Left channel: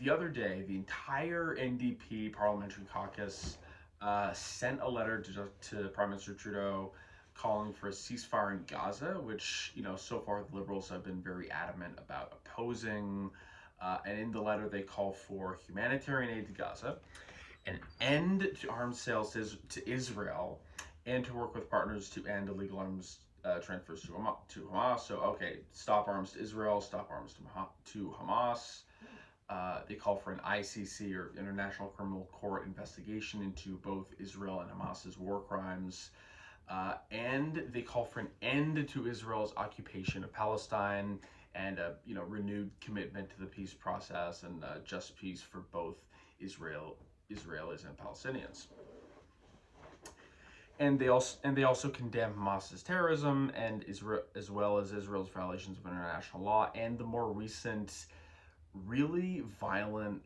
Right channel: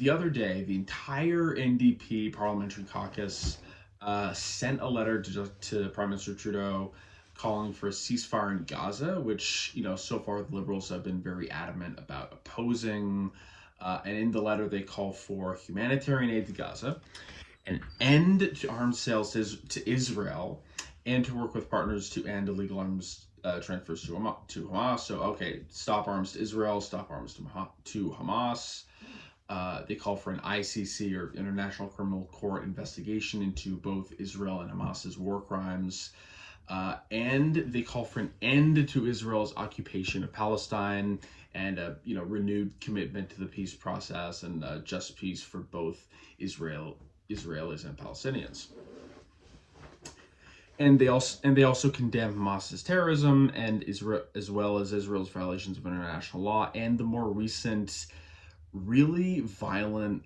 the other day, the entire NDP parliamentary caucus sent a letter to Prime Minister Trudeau calling for a ceasefire in Gaza, which, so far the Liberals have been very adamant about opposing. And in the letter, they call for humanitarian aid to Gaza, an end to arms sales to Israel, and to work with partners to end illegal arms transfers to Hamas. So, okay, stop arms to Israel, stop arms to Hamas. They call for an ICC, or International Criminal Court, investigation into both Israel and Hamas's war crimes. And they call for an end to Israel's occupation of Palestine and a renewed commitment to the peace process and just peace for both Israelis and Palestinians. And they also condemn Hamas's terrorism and Israel, as well as Israel's violations of international law and the more recent, really violent,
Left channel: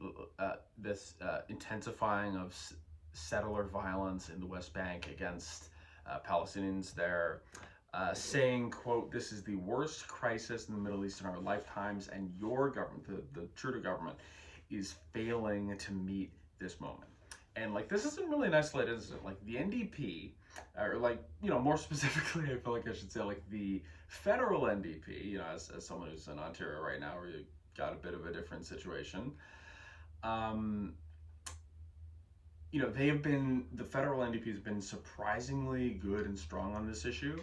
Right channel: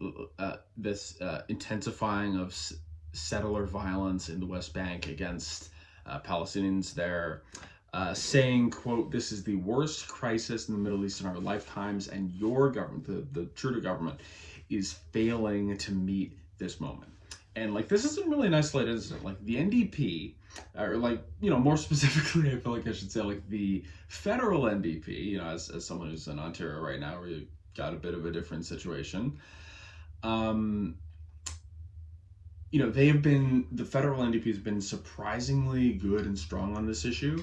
intensifying of settler violence in the West Bank against Palestinians there, saying, quote, "This is the worst crisis in the Middle East in our lifetimes, and your government, the Trudeau government, is failing to meet this moment." And this is a really nice light incident. The NDP, or more specifically, I feel like I should say the federal NDP, as someone who's in Ontario right now, where you got a bit of a different situation. The federal NDP has been surprisingly good and strong on this issue,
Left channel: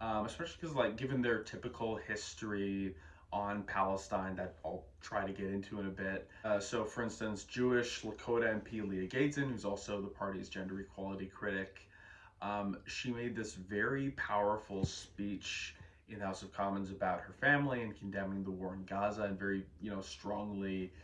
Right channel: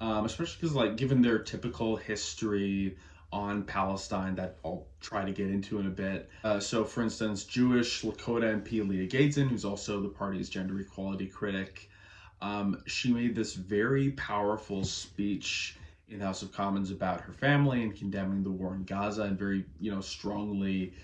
especially because, given their typical history on Palestine that I'll try to get into in a bit. So, for instance, Jewish Lakota MP Leah Gaedson, who's also the party's gender equality critic, she made this very powerful speech in the House of Commons about her family and condemning the war in Gaza, and very, strongly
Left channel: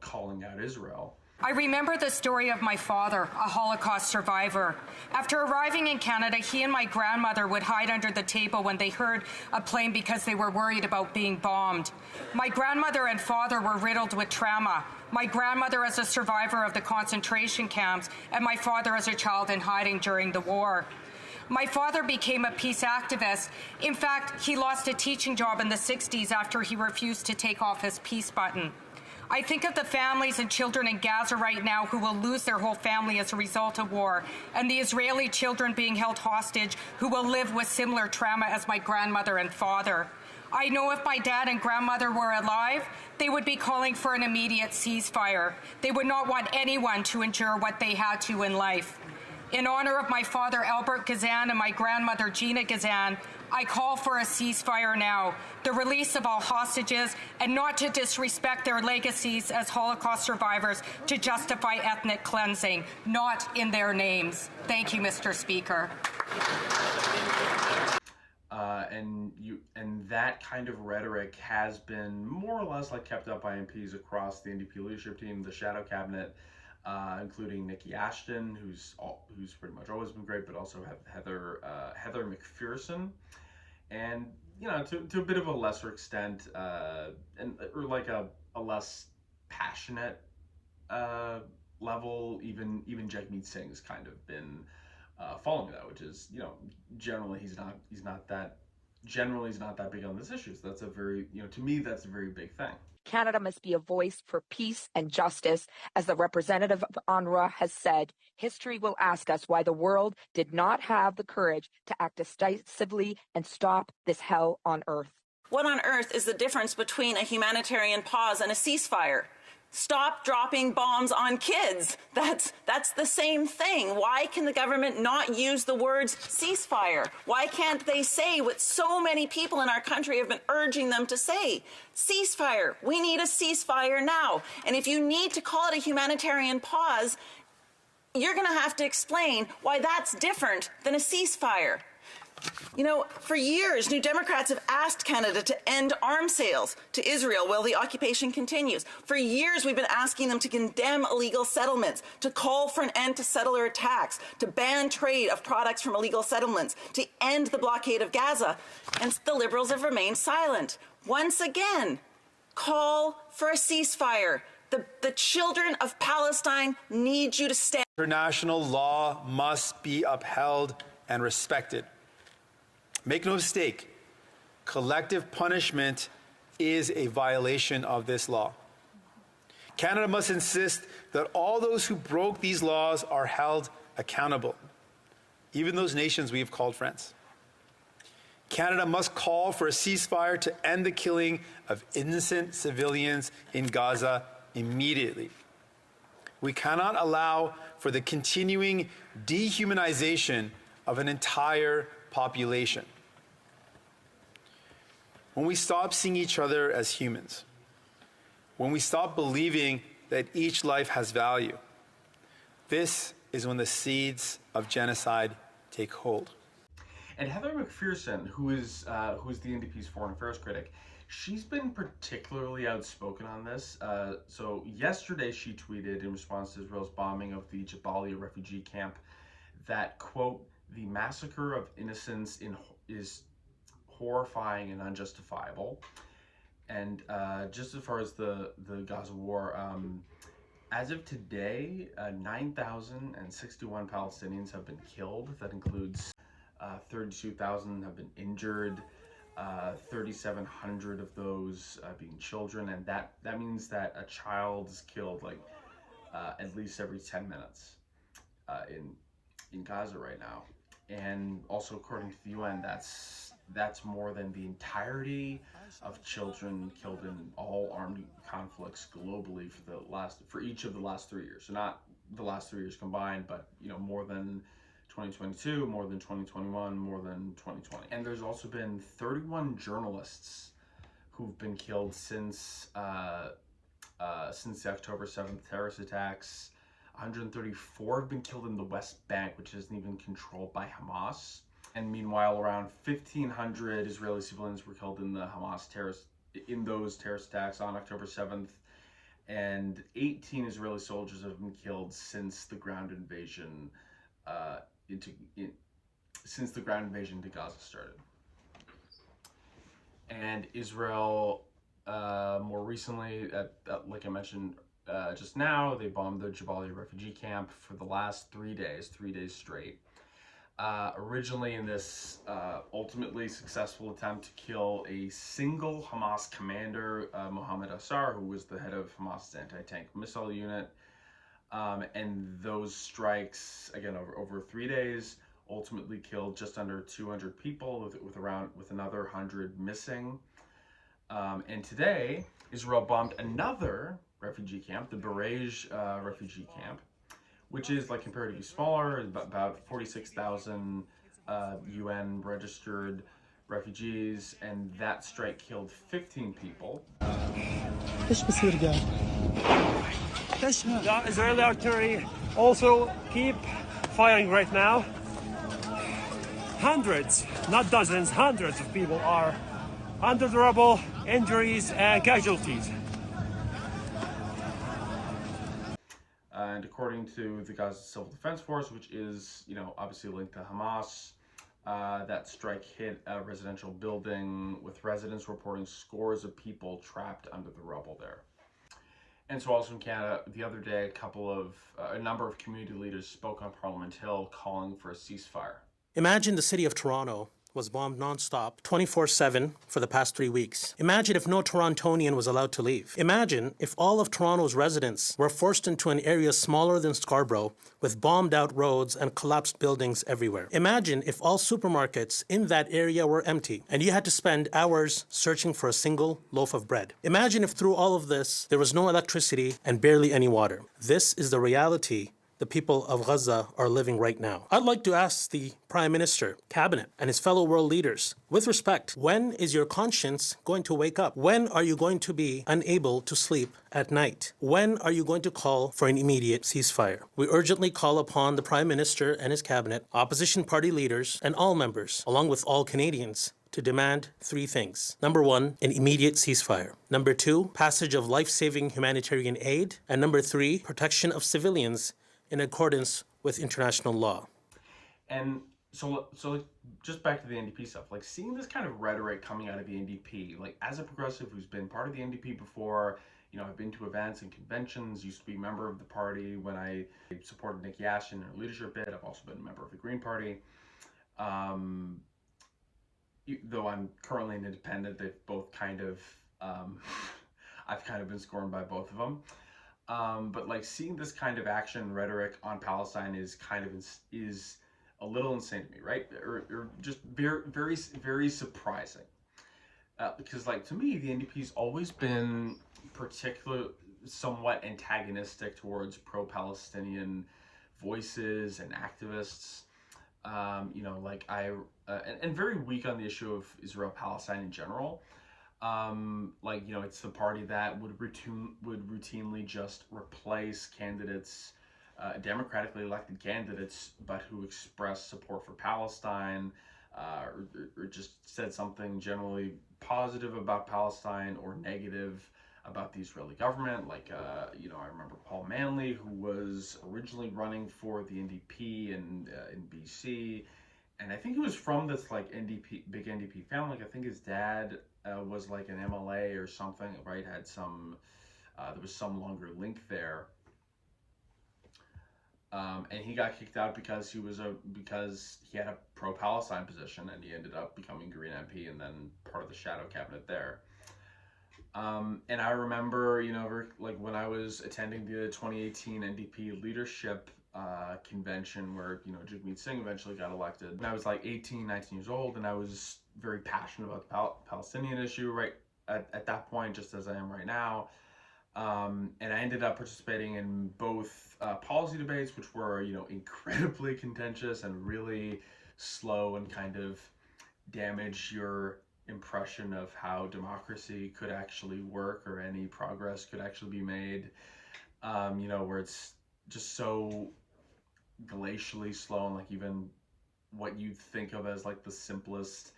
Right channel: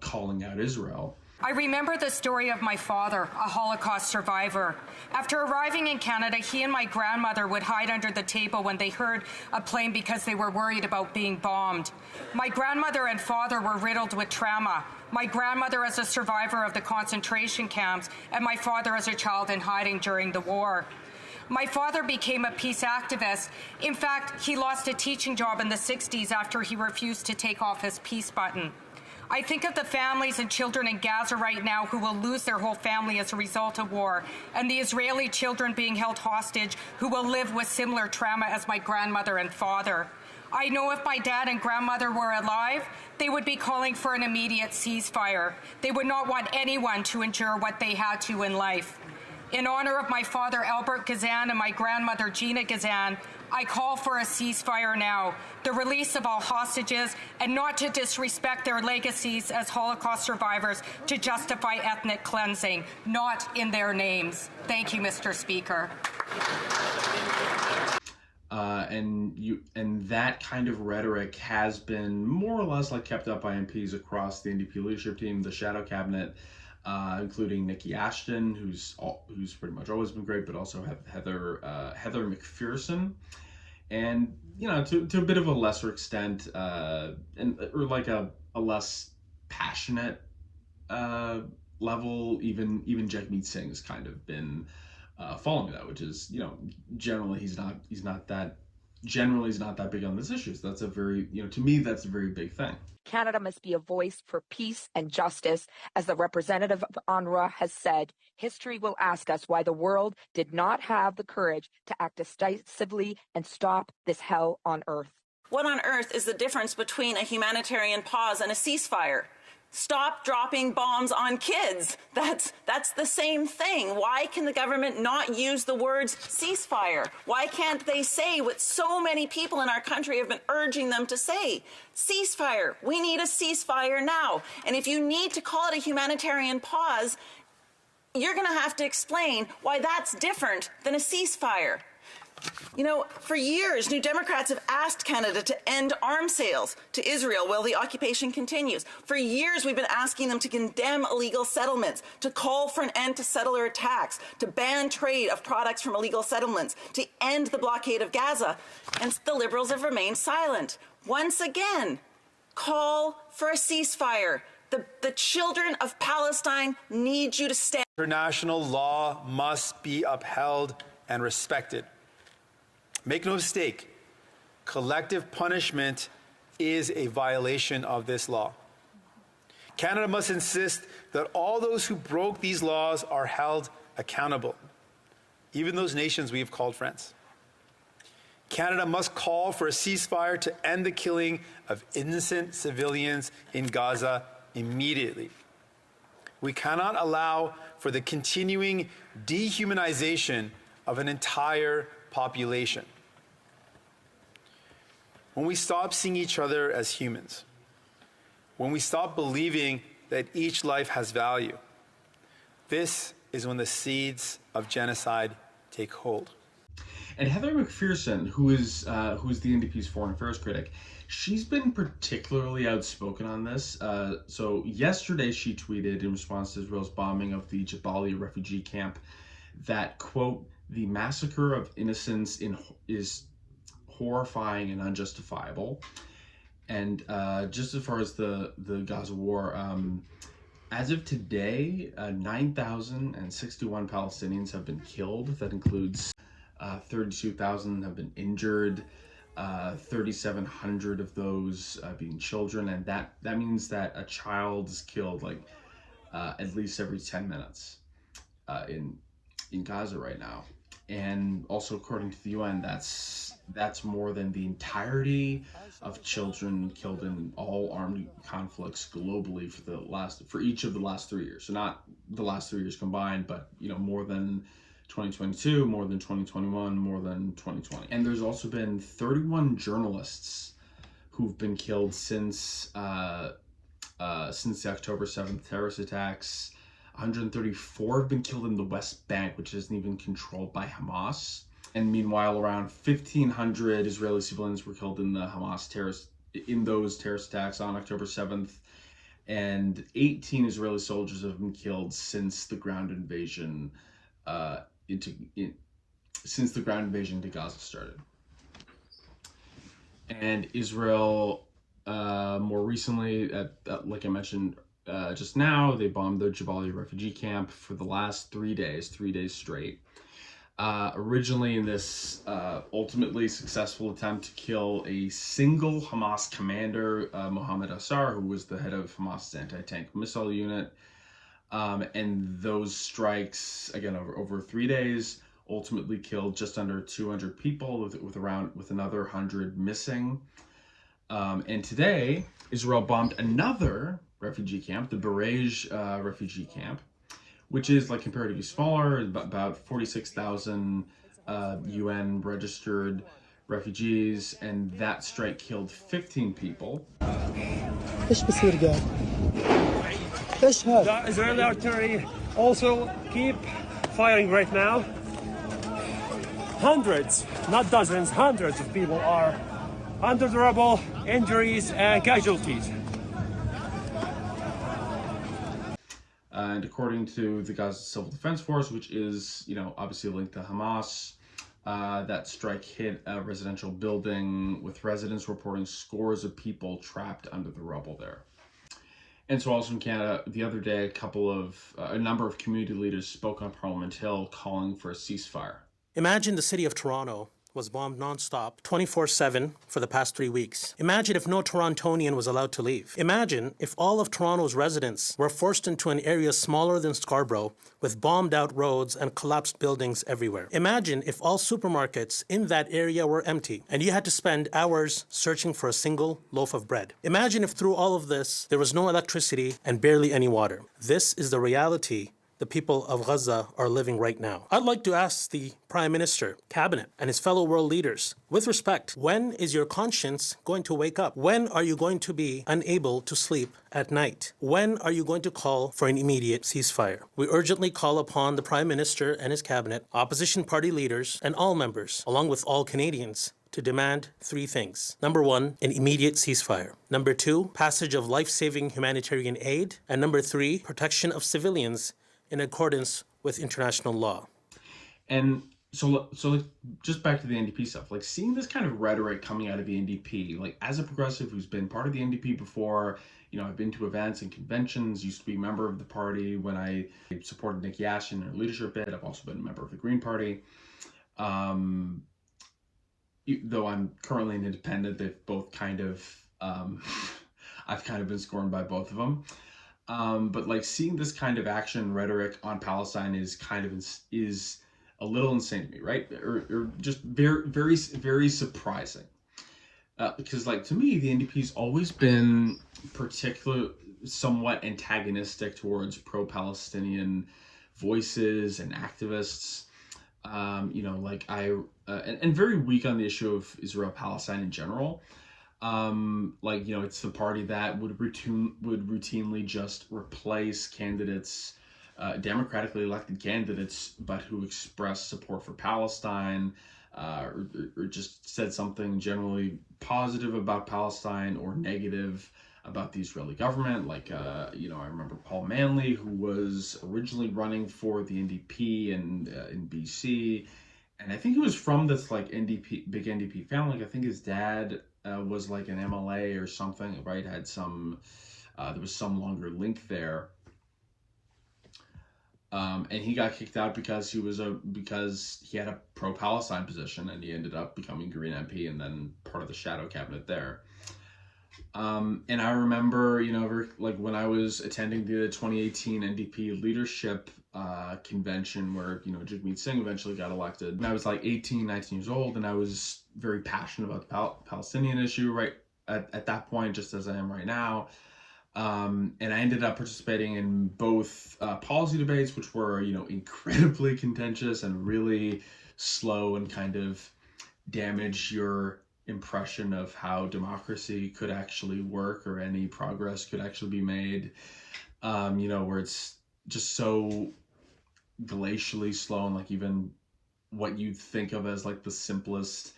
calling out Israel. I remember the story of my father, a Holocaust survivor. After arriving in Canada, he and my grandmother would hide under the table when they heard a plane because they were worried about being bombed. My grandmother and father were riddled with trauma. My grandmother as a survivor of the concentration camps, and my father as a child in hiding during the war. My father became a peace activist. In fact, he lost a teaching job in the 60s after he refused to take off his peace button. I think of the families and children in Gaza right now who will lose their whole family as a result of war, and the Israeli children being held hostage who will live with similar trauma as my grandmother and father. I know if my dad and grandmother were alive, they would be calling for an immediate ceasefire. They would not want anyone to endure what they had to in life. In honor of my father, Albert Gazan, and my grandmother, Gina Gazan, I call for a ceasefire now, the release of all hostages, and not to disrespect their legacies as Holocaust survivors to justify ethnic cleansing, not in their names. Thank you, Mr. Speaker. And that kind of rhetoric has been more or less kept up by MPs across the NDP leadership team, the shadow cabinet, including Nikki Ashton, who's pretty much always been great, but also Heather McPherson, and to a bit of a lesser extent, or a less passionate level, even Jagmeet Singh has kind of been following that, which is generally he's not that big on this issue. So that's a very to me that's a very big thing. Canada must be a voice for peace and justice. As the representative of UNRWA has said, history will ask us why the world did not have the courage to act decisively and stop this hell on earth. What on earth is the difference between a humanitarian pause and a ceasefire? Stop dropping bombs on kids. That's the same thing. Why can the government not use the words ceasefire? Why can't they say what so many people in our country have been urging them to say? Ceasefire. We need a ceasefire now. And if you need to call it a humanitarian pause, you're going to have to explain why that's different than a ceasefire. For years, New Democrats have asked Canada to end arms sales to Israel while the occupation continues. For years, we've been asking them to condemn illegal settlements, to call for an end to settler attacks, to ban trade of products from illegal settlements, to end the blockade of Gaza. And the Liberals have remained silent. Once again, call for a ceasefire. The children of Palestine need you to stand. International law must be upheld and respected. Make no mistake, collective punishment is a violation of this law. Canada must insist that all those who broke these laws are held accountable, even those nations we have called friends. Canada must call for a ceasefire to end the killing of innocent civilians in Gaza immediately. We cannot allow for the continuing dehumanization of an entire population. When we stop seeing each other as humans, when we stop believing that each life has value, this is when the seeds of genocide take hold. And Heather McPherson, who is the NDP's foreign affairs critic, she's been particularly outspoken on this. So yesterday she tweeted in response to Israel's bombing of the Jabalia refugee camp that, quote, "the massacre of innocents is horrifying and unjustifiable." And just as far as the Gaza war, as of today, 9,061 Palestinians have been killed. That includes 32,000 have been injured, 3,700 of those being children, and that means that a child is killed like at least every 10 minutes in Gaza right now. And also, according to the UN, that's more than the entirety of children killed in all armed conflicts globally for each of the last 3 years. So not the last 3 years combined, but more than 2022, more than 2021, more than 2020. And there's also been 31 journalists who've been killed since the October 7th terrorist attacks. 134 have been killed in the West Bank, which isn't even controlled by Hamas. And meanwhile, around 1,500 Israeli civilians were killed in those terrorist attacks on October 7th, and 18 Israeli soldiers have been killed since the ground invasion to Gaza started. And Israel, more recently, like I mentioned just now, they bombed the Jabalia refugee camp for the last 3 days straight. Originally in this ultimately successful attempt to kill a single Hamas commander, Mohammed Assar, who was the head of Hamas's anti-tank missile unit. And those strikes, again, over 3 days, ultimately killed just under 200 people, with another 100 missing. And today, Israel bombed another refugee camp, the Barej refugee camp, which is like comparatively smaller, about 46,000 UN registered refugees, and that strike killed 15 people. The Israeli artillery also keep firing right now. Hundreds, not dozens, hundreds of people are under the rubble, injuries and casualties. And according to the Gaza Civil Defense Force, which is, obviously linked to Hamas, that strike hit a residential building, with residents reporting scores of people trapped under the rubble there. And so also in Canada, the other day, a number of community leaders spoke on Parliament Hill calling for a ceasefire. Imagine the city of Toronto was bombed nonstop 24/7 for the past 3 weeks. Imagine if no Torontonian was allowed to leave. Imagine if all of Toronto's residents were forced into an area smaller than Scarborough with bombed out roads and collapsed buildings everywhere. Imagine if all supermarkets in that area were empty and you had to spend hours searching for a single loaf of bread. Imagine if through all of this there was no electricity and barely any water. This is the reality the people of Gaza are living right now. I'd like to ask the Prime Minister, Cabinet, and his fellow world leaders, with respect, when is your conscience going to wake up? When are you going to be unable to sleep at night? When are you going to call for an immediate ceasefire? We urgently call upon the Prime Minister and his Cabinet, opposition party leaders, and all members, along with all Canadians, to demand 3 things. Number 1, an immediate ceasefire. Number 2, passage of life-saving humanitarian aid. And number 3, protection of civilians in accordance with international law. And so just back to the NDP stuff, like seeing this kind of rhetoric coming out of the NDP, like as a progressive who's been part of the NDP before, I've been to events and conventions, used to be a member of the party when I supported Nikki Ashton in her leadership bid. I've also been a member of the Green Party. Though I'm currently an independent, they've both kind of Um, I've kind of been scorned by both of them. But like seeing this kind of action rhetoric on Palestine is kind of is a little insane to me, right? Or just very surprising. Because like to me, the NDP's always been particular somewhat antagonistic towards pro-Palestinian voices and activists. Like and very weak on the issue of Israel Palestine in general. It's the party that would routinely just replace candidates, democratically elected candidates, but who express support for Palestine, or just said something generally positive about Palestine or negative about the Israeli government. I remember Paul Manley, who was originally running for the NDP and in BC, and I think he was from this like big NDP family. Like I think his dad was like an MLA or something, right? Had some, there was some longer link there. And he got kicked out because he had a pro-Palestine position, and he ended up becoming Green MP and then part of the shadow cabinet there. And I remember, like when I was attending the 2018 NDP leadership convention where, Jagmeet Singh eventually got elected. And I was like 18, 19 years old, and I was very passionate about the Palestinian issue right at that point, just as I am right now. And I ended up participating in both policy debates, which were, incredibly contentious and really slow and kind of damage your impression of how democracy could actually work or any progress could actually be made. Where it's just so glacially slow, and like even what you'd think of as like the simplest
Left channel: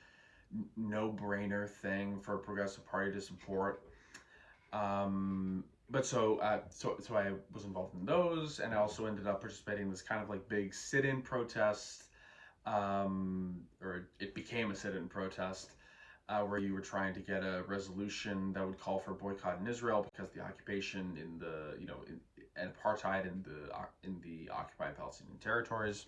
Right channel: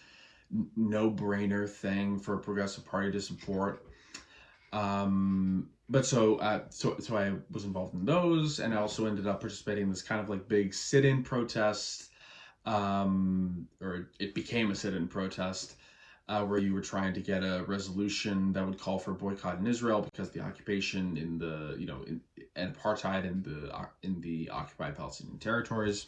no-brainer thing for a progressive party to support. But so I was involved in those, and I also ended up participating in this kind of like big sit-in protest, or it became a sit-in protest, where you were trying to get a resolution that would call for boycott in Israel because the occupation and apartheid in the occupied Palestinian territories.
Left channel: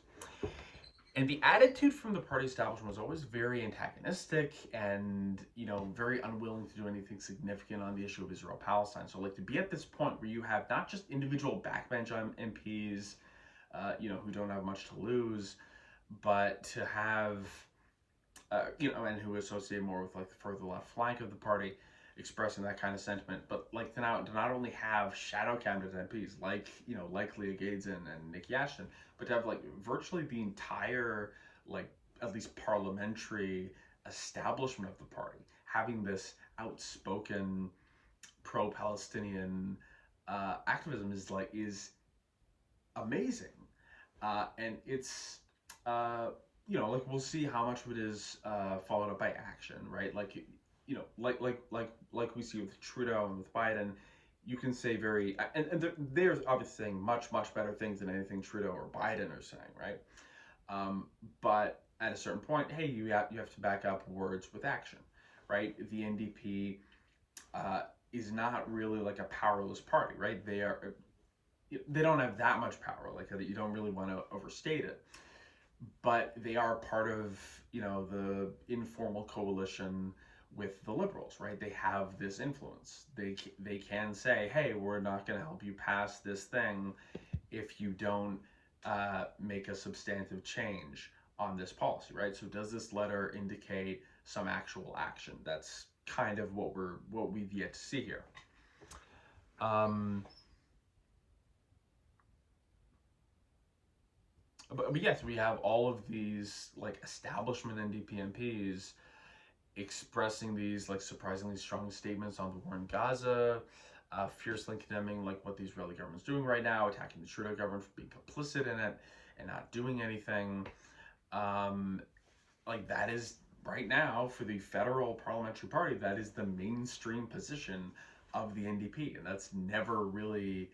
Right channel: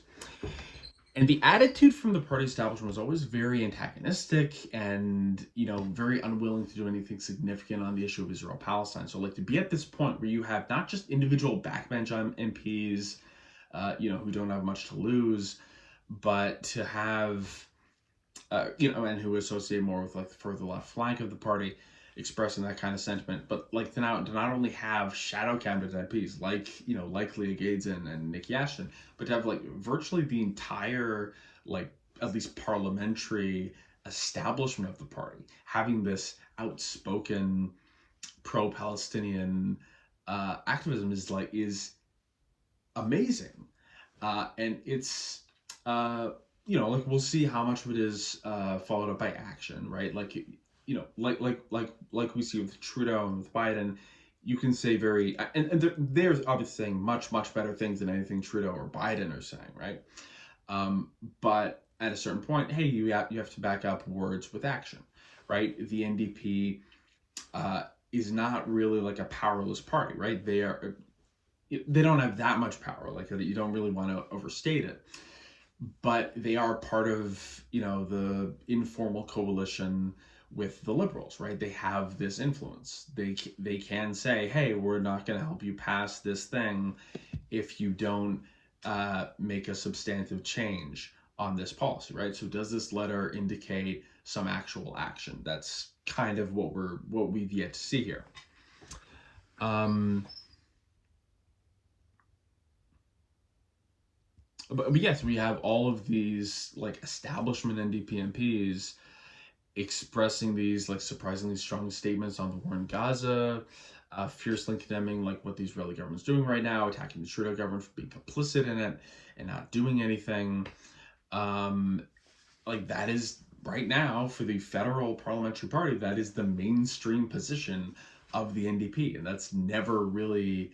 And the attitude from the party establishment was always very antagonistic and, very unwilling to do anything significant on the issue of Israel Palestine. So like to be at this point where you have not just individual backbench MPs, who don't have much to lose, but to have, and who associate more with like the further left flank of the party expressing that kind of sentiment, but like to not only have shadow candidate MPs like Leah Gaedzen and Nikki Ashton, but to have like virtually the entire like at least parliamentary establishment of the party having this outspoken pro-Palestinian activism is amazing, and it's like we'll see how much of it is followed up by action, right? Like like we see with Trudeau and with Biden, you can say and they're obviously saying much better things than anything Trudeau or Biden are saying, right? But at a certain point, hey, you have to back up words with action, right? The NDP is not really like a powerless party, right? They don't have that much power, like you don't really want to overstate it, but they are part of the informal coalition with the Liberals, right? They have this influence. They can say, hey, we're not going to help you pass this thing if you don't make a substantive change on this policy, right? So does this letter indicate some actual action? That's kind of what we've yet to see here. But yes, we have all of these like establishment NDP MPs expressing these like surprisingly strong statements on the war in Gaza, fiercely condemning like what the Israeli government's doing right now, attacking the Trudeau government for being complicit in it and not doing anything. Like that is right now for the federal parliamentary party, that is the mainstream position of the NDP, and that's never really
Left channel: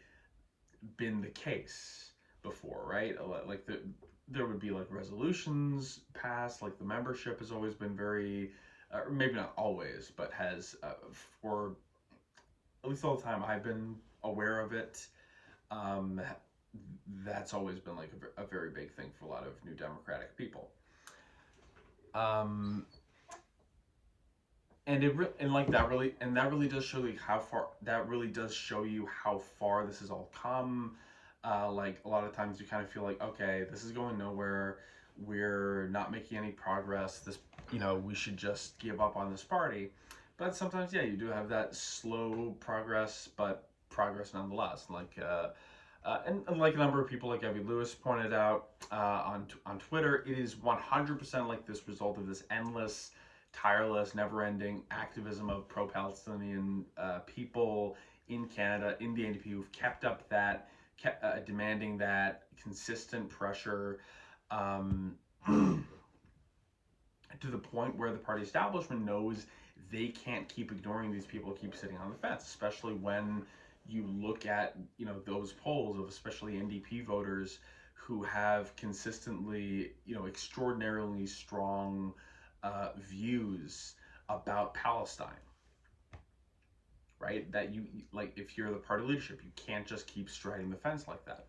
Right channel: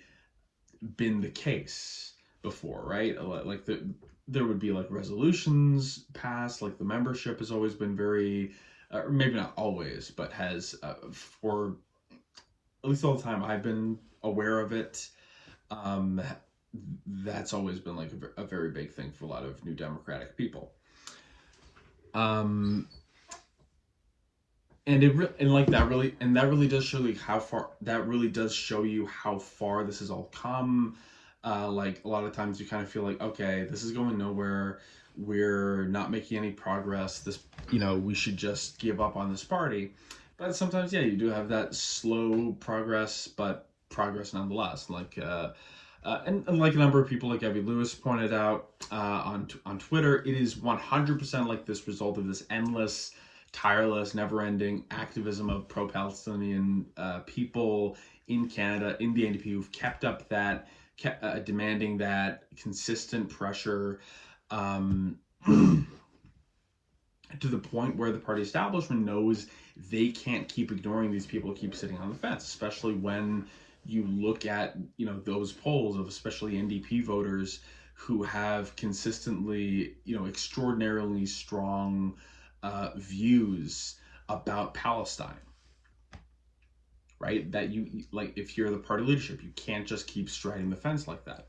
been the case before, right? Like there would be like resolutions passed, like the membership has always been very, or maybe not always, but has for at least all the time I've been aware of it, that's always been like a very big thing for a lot of New Democratic people. that really does show like how far that really does show you how far this has all come. Like a lot of times you kind of feel like, okay, this is going nowhere, we're not making any progress, this, we should just give up on this party. But sometimes, yeah, you do have that slow progress, but progress nonetheless. Like and like a number of people, like Evie Lewis pointed out on Twitter, it is 100% like this result of this endless, tireless, never-ending activism of pro-Palestinian people in Canada, in the NDP, who've kept up that, demanding that consistent pressure, um, to the point where the party establishment knows they can't keep ignoring these people, keep sitting on the fence, especially when you look at those polls of especially NDP voters who have consistently extraordinarily strong views about Palestine, right? That you like, if you're the party leadership, you can't just keep striding the fence like that.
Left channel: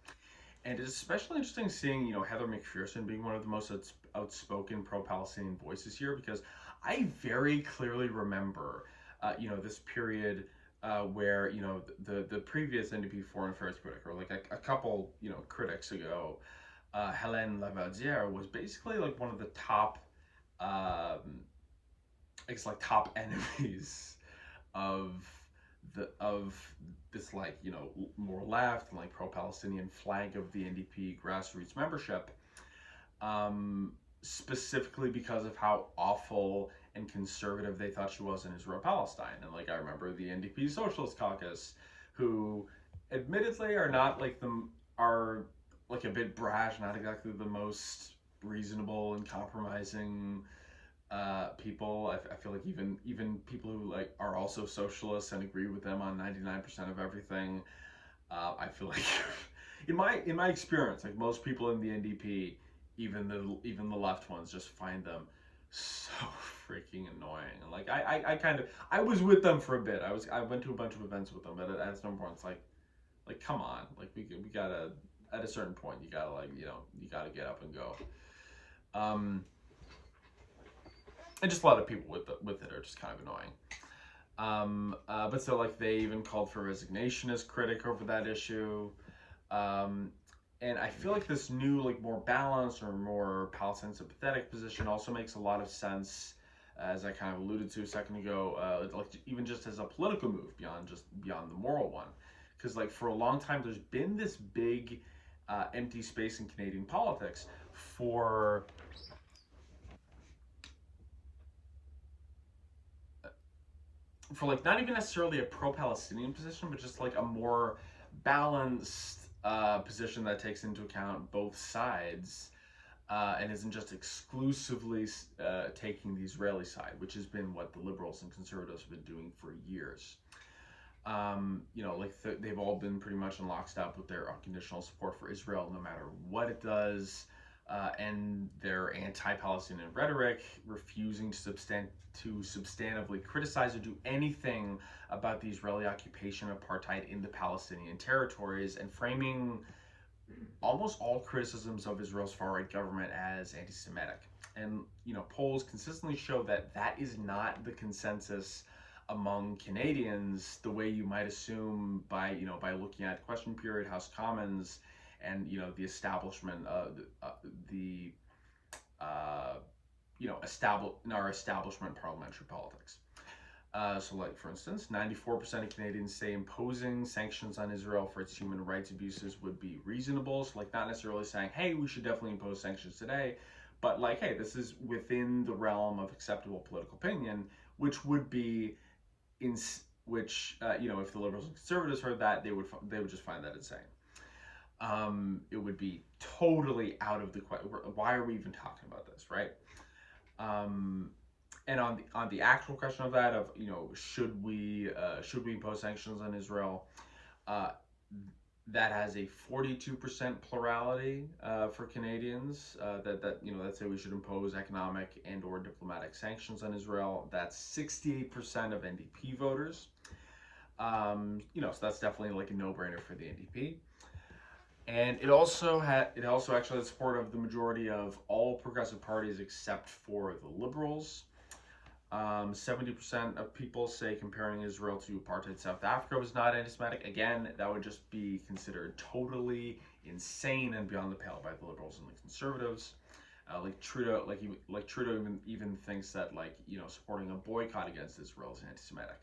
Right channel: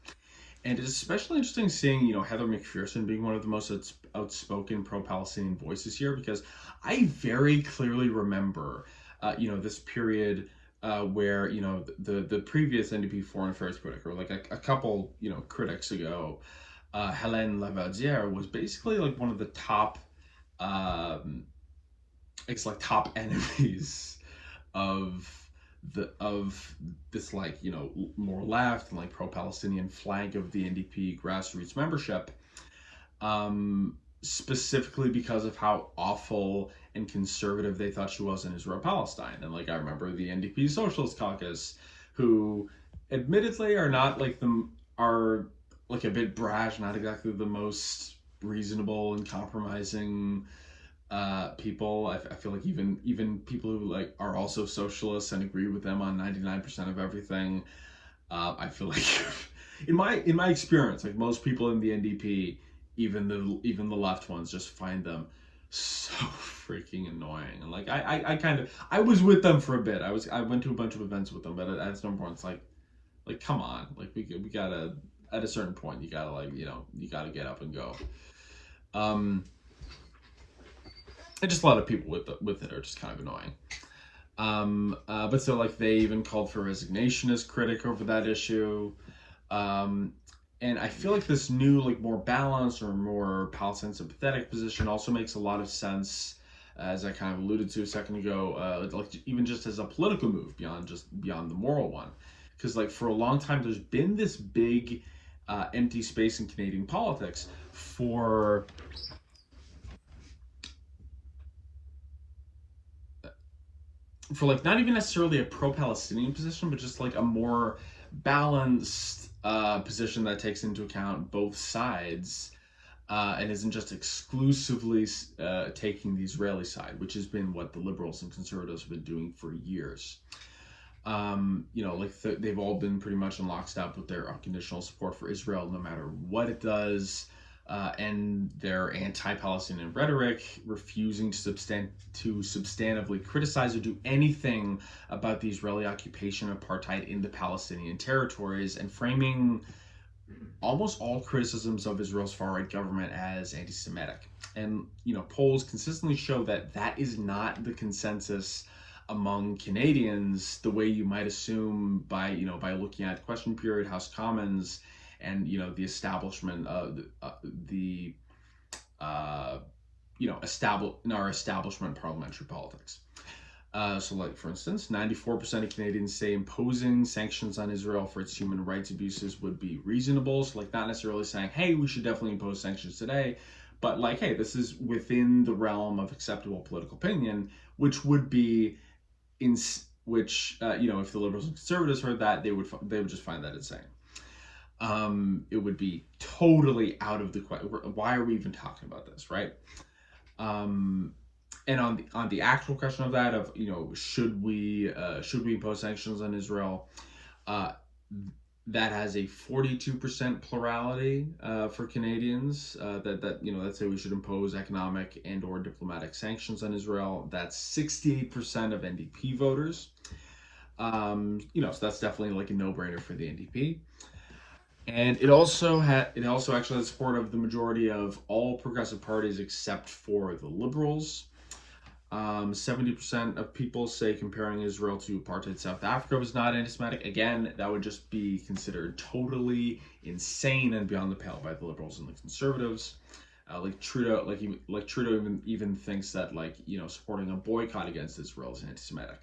And it's especially interesting seeing, Heather McPherson being one of the most outspoken pro-Palestinian voices here, because I very clearly remember, this period where, the previous NDP foreign affairs critic, or like a couple, critics ago, Hélène Lavaudière was basically like one of the top, it's like top enemies of of this, like, more left and like pro-Palestinian flank of the NDP grassroots membership, specifically because of how awful and conservative they thought she was in Israel Palestine. And like I remember the NDP Socialist Caucus, who admittedly are like a bit brash, not exactly the most reasonable and compromising people. I feel like even people who like are also socialists and agree with them on 99% of everything, I feel like in my experience, like most people in the NDP, even the left ones, just find them so freaking annoying. And like I was with them for a bit. I went to a bunch of events with them, but at some point it's like come on, like we gotta, at a certain point you gotta, like, you gotta get up and go. And just a lot of people with it are just kind of annoying. But so like they even called for resignation as critic over that issue. And I feel like this new, like, more balanced or more Palestine sympathetic position also makes a lot of sense, as I kind of alluded to a second ago, like even just as a political move beyond the moral one, because like for a long time there's been this big empty space in Canadian politics for like not even necessarily a pro-Palestinian position, but just like a more balanced position that takes into account both sides, and isn't just exclusively taking the Israeli side, which has been what the liberals and conservatives have been doing for years. They've all been pretty much in lockstep with their unconditional support for Israel, no matter what it does, and their anti-Palestinian rhetoric, refusing to substantively criticize or do anything about the Israeli occupation of apartheid in the Palestinian territories, and framing almost all criticisms of Israel's far-right government as anti-Semitic. And polls consistently show that that is not the consensus among Canadians, the way you might assume by looking at question period, House Commons, and the establishment of the in our establishment parliamentary politics. So like, for instance, 94% of Canadians say imposing sanctions on Israel for its human rights abuses would be reasonable. So like, not necessarily saying, hey, we should definitely impose sanctions today, but like, hey, this is within the realm of acceptable political opinion, which would be if the liberals and conservatives heard that, they would just find that insane. It would be totally out of the question. Why are we even talking about this, right? And on the actual question of that, of should we impose sanctions on Israel, that has a 42% plurality for Canadians, that say we should impose economic and or diplomatic sanctions on Israel. That's 68% of NDP voters. So that's definitely like a no-brainer for the NDP. And it also actually has support of the majority of all progressive parties except for the Liberals. 70% of people say comparing Israel to apartheid South Africa was not anti-Semitic. Again, that would just be considered totally insane and beyond the pale by the liberals and the conservatives. Like Trudeau, Trudeau even thinks that supporting a boycott against Israel is anti-Semitic.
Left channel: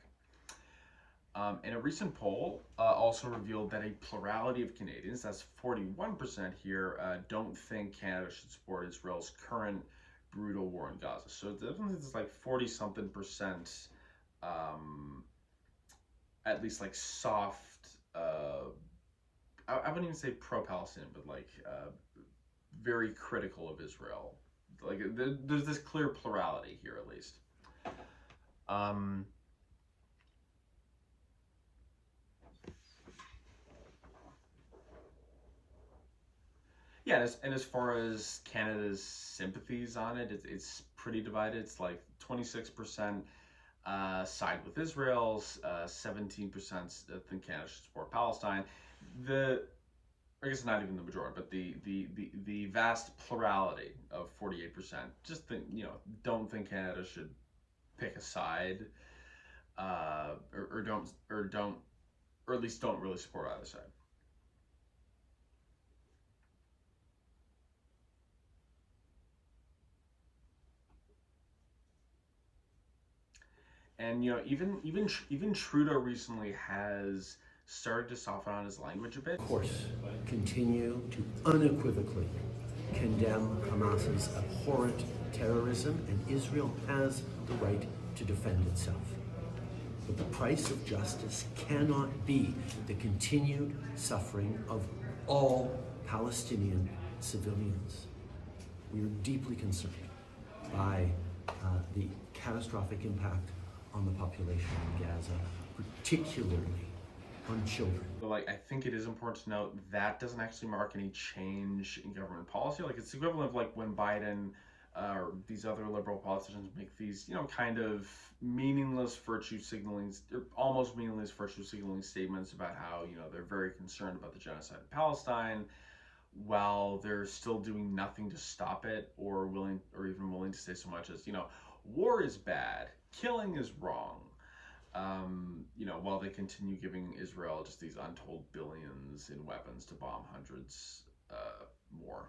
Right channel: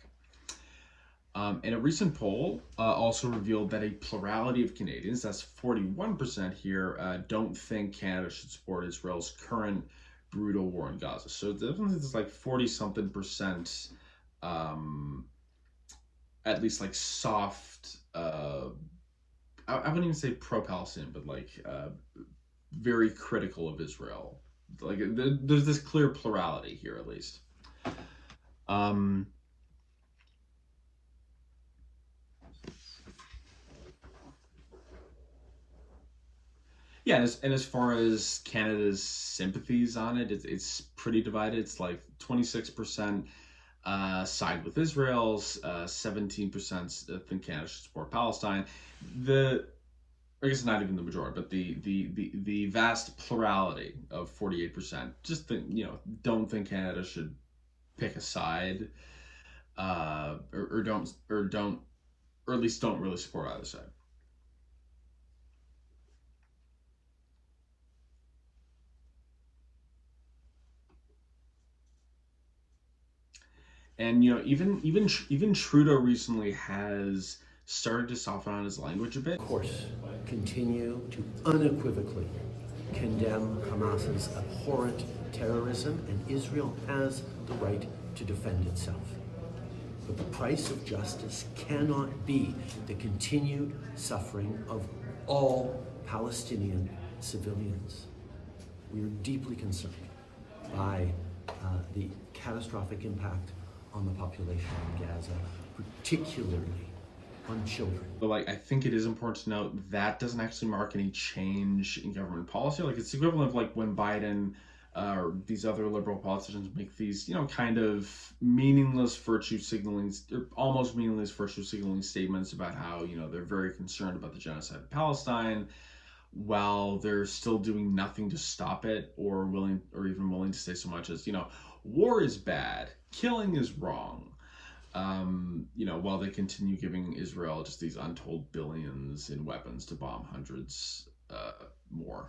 And a recent poll also revealed that a plurality of Canadians, that's 41% here, don't think Canada should support Israel's current brutal war in Gaza. So definitely there's like 40-something percent, at least like soft, I wouldn't even say pro-Palestinian, but very critical of Israel. Like there's this clear plurality here, at least. Yeah, and as far as Canada's sympathies on it, it's pretty divided. It's like 26% side with Israel, 17% think Canada should support Palestine. I guess not even the majority, but the vast plurality of 48% just don't think Canada should pick a side, or don't, or at least don't really support either side. And even Trudeau recently has started to soften on his language a bit. Of course, continue to unequivocally condemn Hamas's abhorrent terrorism, and Israel has the right to defend itself. But the price of justice cannot be the continued suffering of all Palestinian civilians. We are deeply concerned by the catastrophic impact on the population in Gaza, particularly on children. But I think it is important to note that doesn't actually mark any change in government policy. It's equivalent of when Biden or these other liberal politicians make these, kind of meaningless virtue signaling, or almost meaningless virtue signaling statements about how, they're very concerned about the genocide of Palestine, while they're still doing nothing to stop it, or even willing to say so much as, war is bad, killing is wrong. While they continue giving Israel just these untold billions in weapons to bomb hundreds more.